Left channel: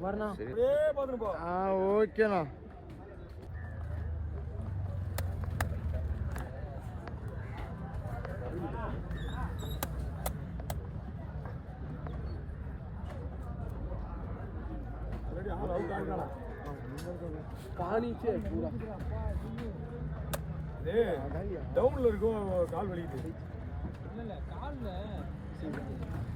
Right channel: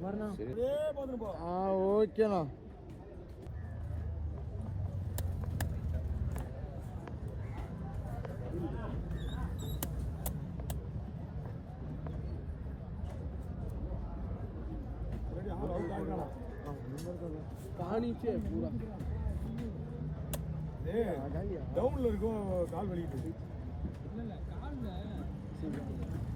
வரணும் ஆ ஓகேண்ணா. பானிச்சே பூரா. டவுன்ல இருக்கும் கால் வலிக்குது. காவுடா ஓ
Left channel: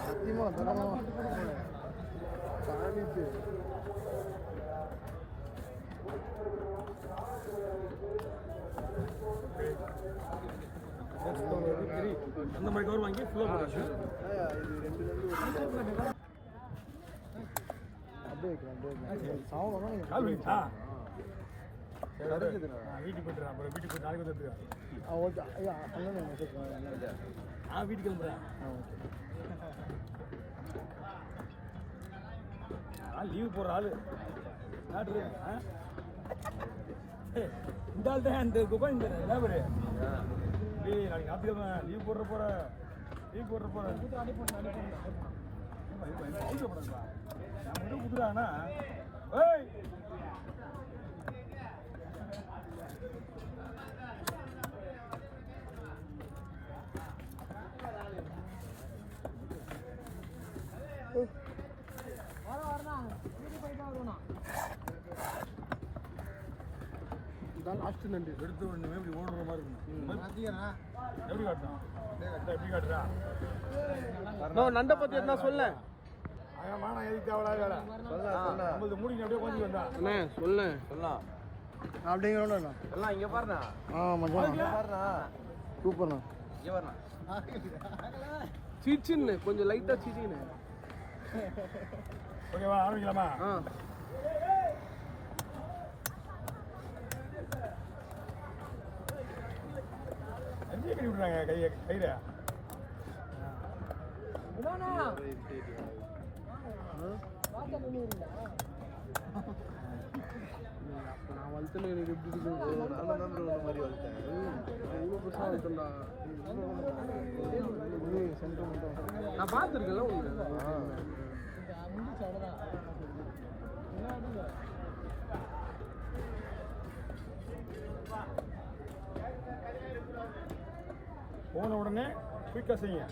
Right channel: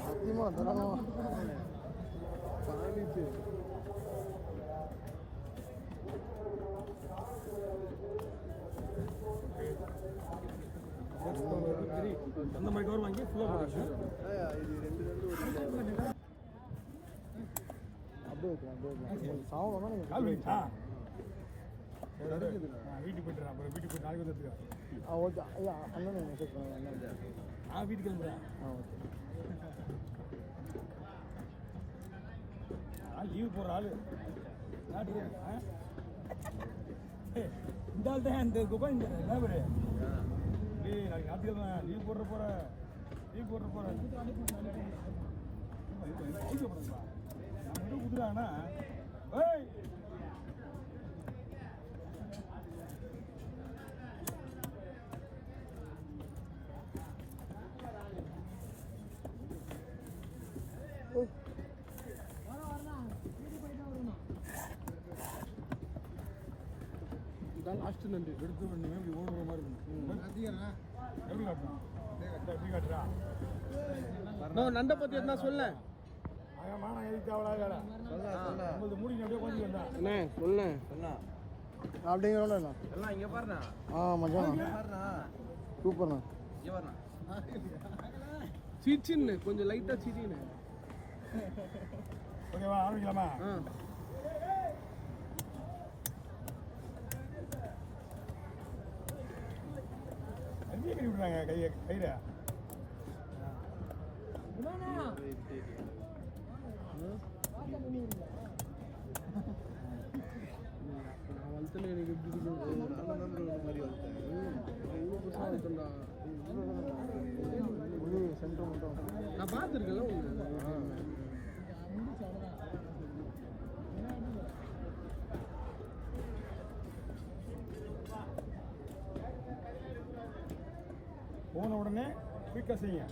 சத்தியமா தரலாமா சாதிச்சு அந்த மாதிரி கவர் வாங்கி ஃபுல்லாக போட்டாச்சு அப்படியே அப்படியே சாவம் கால் வைட்டா வீட்டுக்கு போயிட்டுறேன் அப்புறம் வீட்டுக்கு நாளைக்கு வந்து எடுத்துக்க. ஆ ஓகே. ஐயா மெசேஜ் நான் வீட்டுக்கு கிளம்புறேன். ஆ ஓகே. நான் லீவ் போடுற ஆளு. யாரு ஆ? இந்த ஆள் தான் இந்த துபாய் இந்த லேபரு ஏய் நாளைக்கு ஞாபகம் லீவ் போடுற போற. லீவ் போடுற குடுறானா ஏய் லாஸ்ட் நன்றி எடுத்து ஒண்ணுமே இப்படி ஓடுற மாதிரி இருக்கணும். எப்படி காட்டுறான் எப்படி காட்டுறா? நான் நண்டை பத்தி என்ன சொல்ல. அதான் மானம் எதுக்கு தேவையா வேலை நம்மளது மூடிங்க அப்படியே கொஞ்சம் வந்தா. அண்ணே சொல்ல. சொல்லலாம் அப்படிங்கிறோண்ணா எல்லாம் இங்க பாருண்ணா. ஆ மச்சான். பாருண்ணா. சூப்பர்ண்ணா. இங்க சீச்சின்னு கொஞ்சம் லைட்டாக சீச்சின்னு ஓகேவா ஆரம்பிக்கலாமா? ஆ. அஞ்சே கட்டி விட்றாங்க கையை கையில. நான் வளர்த்துல எனக்கு எப்படி இருக்குது மாதிரி வளர்த்தேன் இவ்வளோ பெருசாக வளர்த்தேன்டா சென்டர் மட்டும் நான் பார்த்துருக்கேன்ல உடனே குயிக்காக செய்யுங்க.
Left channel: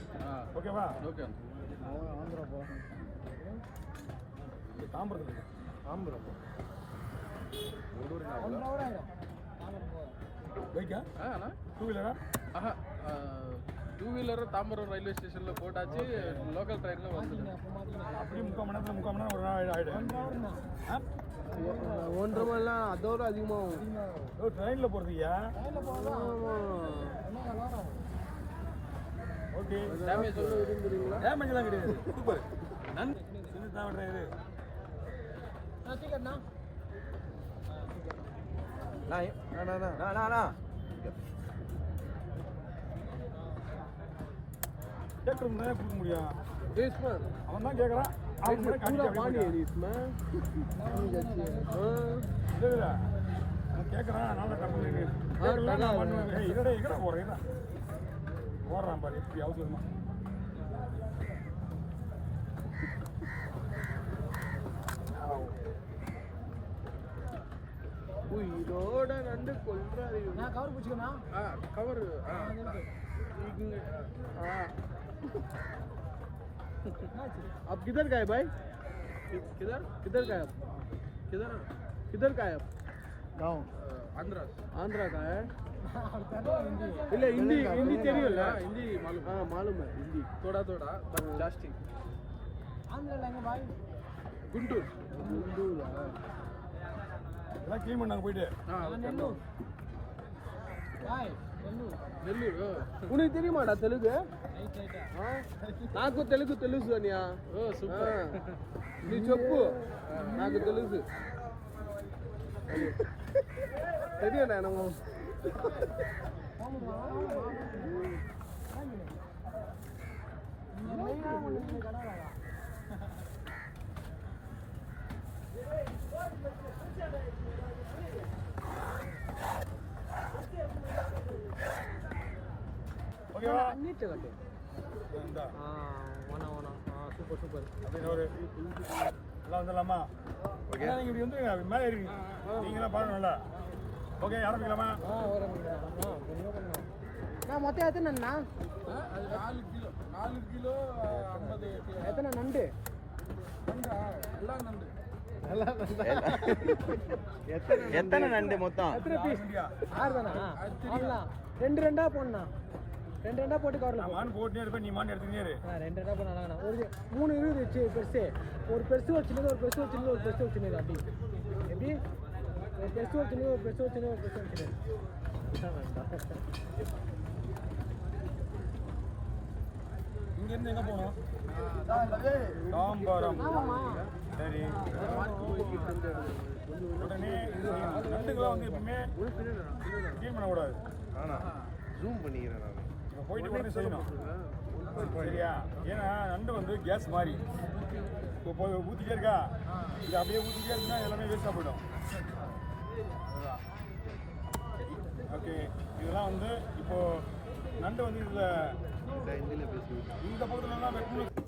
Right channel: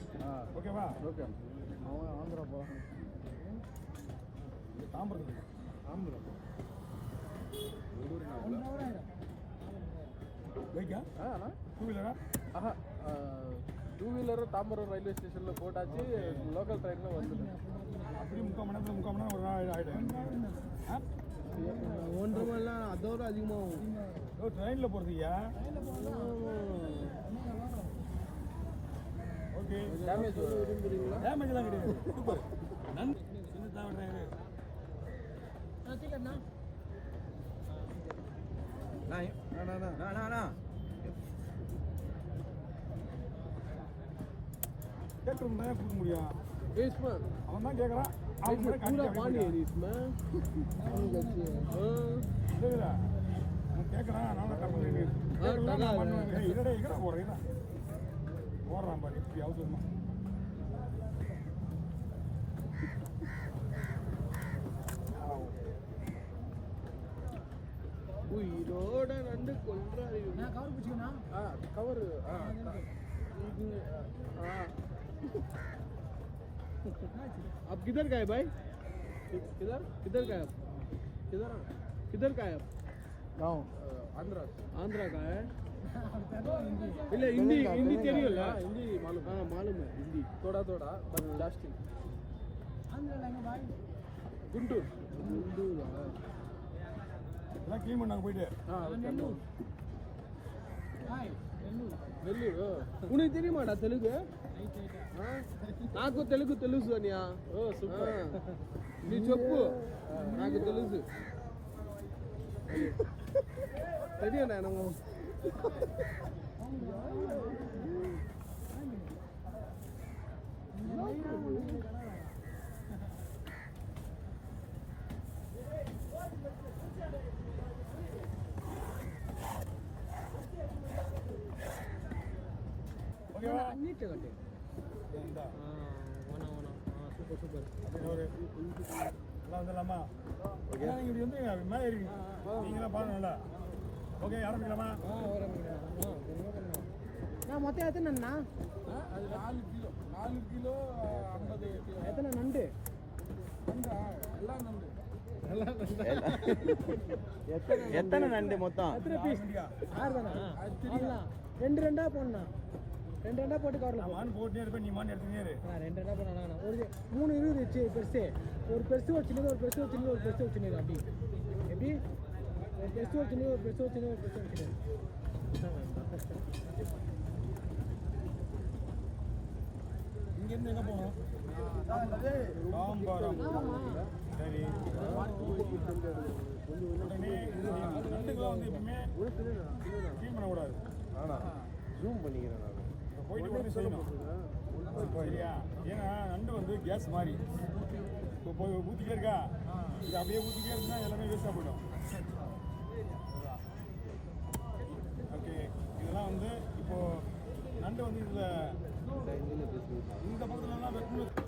ஓகேவா ஓகே அவன் ஆந்திரா போகிறான் தாம்பரத்தில் ஆந்திரா பைக்கா டூ வீலரா ஆஹா டூ வீலர் தாம்பரம் ரயில்வே ஸ்டேஷனில் போட்டாச்சு லோக்கல் ட்ரெயினில் வந்துடும் அப்படியே முக்கால் மணி நேரத்தில் முக்கால் மணி நேரம் ஒரு நாள் ஆகிடும் ஒன்றரை மணிலாம் அதோட அதிகமாகும். ட்ரெயினில் போகிறதுயா ஓகே. டேமேஜ் சொல்ல விரும்புறீங்களா டேமேஜ்லாம் கிடையாது. சூப்பர் நன்றி. சின்ன தான் டிரைவர் டிக்கெட்னா நான் நான் நான் நான் நான் கேட்கணும் அவன் தான் கேட்குறான் அவன் கூட கேட்குறான் நான் கேட்குறேன் நான் பண்ணுவேன். போகிறேன் இருடா ஓடுறான் பாரு இப்படி அவசரமா உயிரோட நண்டு கொல்றாரு கவர் பிடிச்சிக்கமா ஆ கவர் ஆ இங்கே हाँ आप किधर गए भाई किधर किधर गए आप किधर किधर का है आप गाँव आंध्रा आंध्रा का है இல்ல ஹிந்தி ஹிந்தி தெரியும்ல हाँ, हिंदी मालूम हाँ मालूम है हिंदी थोड़ा थोड़ा बट लास्टिंग गुंटूर हिंदू எல்லாம் க்ளீன் பண்ணாங்க போயிட்டு हाँ ओके నెల్లూరు உனக்கு தெரியுமாடா தெலுங்கு ఆ? నాకు తెలుగు తెలుసు అనియా ఓ సూపర్ నీ చెప్పు నాకు తెలుసు தெரியும் నేను ஓகேவா? நீட்டு கட்டு. ஆ ஓனா ஓனா ஆ சூப்பர் சூப்பர் அப்படியே ஒரு எல்லாம் வந்துடலாமா? ஓகே. நீங்கள் இப்படி வந்துருங்க மேலே இருங்க. நீங்களாம் பாருங்கள்ல. ஓகே ஆரம்பிக்கலாமா நான் மொத்தம் எத்தனைண்ணா அது நாலு கிலோ நாலு கிலோ ஐம்பது எத்தனை நண்டு? நண்டா எல்லாம் நண்டு. எத்தனை நண்டு? மொத்தம்? ரெண்டு ரெண்டா போடணும். ரெண்டு ரெண்டா போட்டு கவரலாம் மான் போட்டுனே இருப்பேன் நீ மான் எடுத்துக்கிட்டே இரு. ரெண்டு ரெண்டா போனாங்கண்ணா ஒரு மூணு இருபது வச்சு பெருசு. ஒரு பெருசு வச்சுருந்தது ஒரு பெருசு வச்சுருந்தது ஒரு பெருசு வச்சுருந்தது அப்படி. எப்படி? ஒரு பெருசு ஒரு சின்னது ஒரு பெருசு ஒரு சின்னது ஒரு போகணும் தாம்பரம் சரி உடனே இது நண்டுக்கெல்லாம் வந்து எப்பவுமே க்ளீன் பண்ணக்கூடாது ஜூம் பண்ணிக்கிறேன் நான் போயிட்டு உடனே செய்யணும் சரியா ஏன்னா நண்டு வந்து கேஸ் மாதிரி இப்போ போய் ஊற்றிட்டே இருக்கா இது அப்படியே ஊற்றிட்டே இருந்தா எல்லாமே வேஸ்ட்டாக போயிடும் ஓகே இதெல்லாம் வந்து இப்போ நண்டு வந்து பேசுவீங்க இந்த பக்கத்துலலாம் வெட்டணும்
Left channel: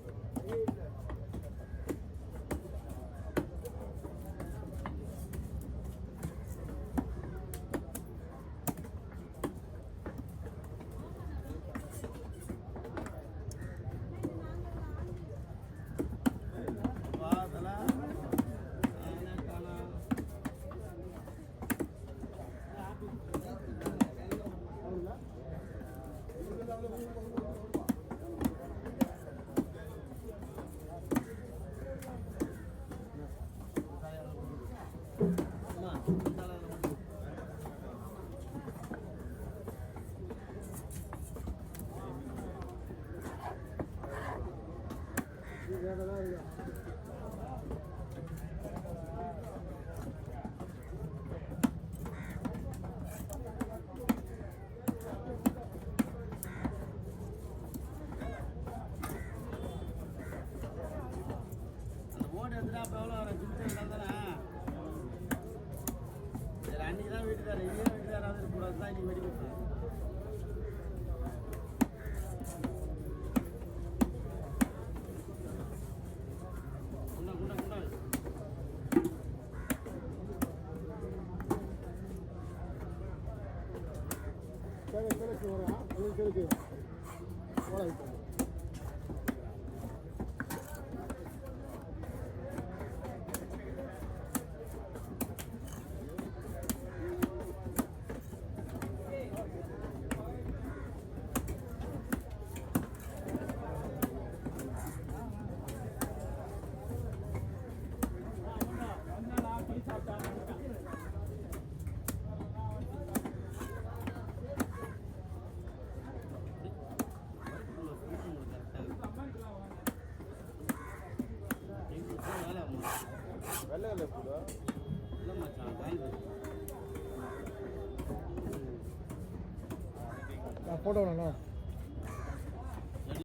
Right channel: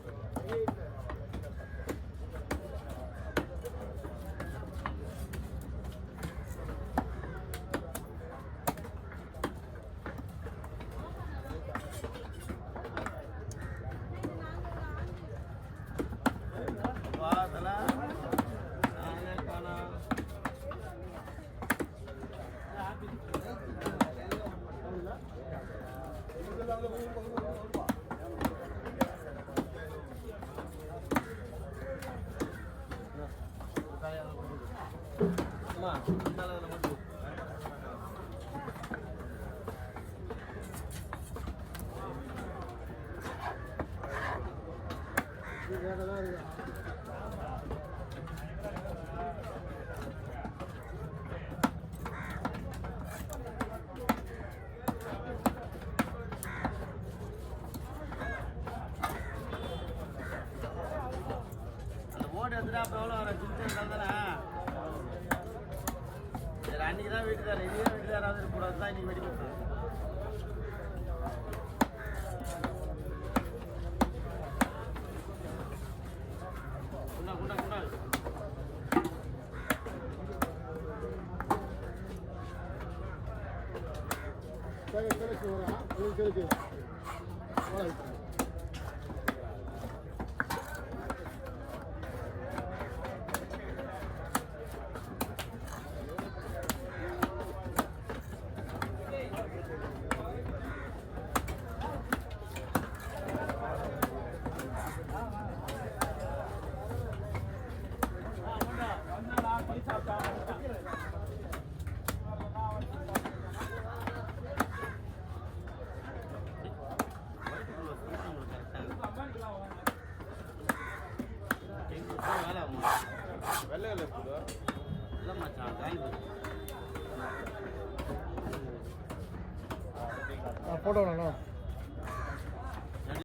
அன்னைக்கு தான் வீட்டுக்காரர் இனியே வீட்டுக்காராவது இருக்கக்கூடாது தான் இன்னைக்கு வெடி கொடுத்தாங்க குண்டா குண்டா குண்டா வெள்ளை போட்டோ வேணும்